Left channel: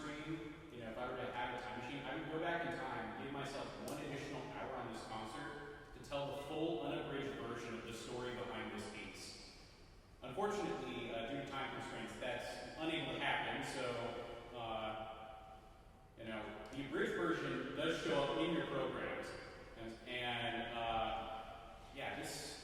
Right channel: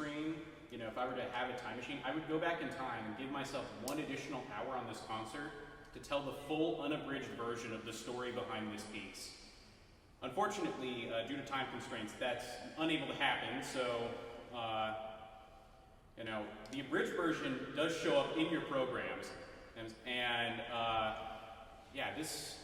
screen, if I were to have a time machine, I would go back in time and give myself one additional hour on this concert to tell the full unabridged version of the story behind this piece. Unfortunately, due to time constraints, that's unable to happen, so the abridged version does show up in your programs, and yeah, this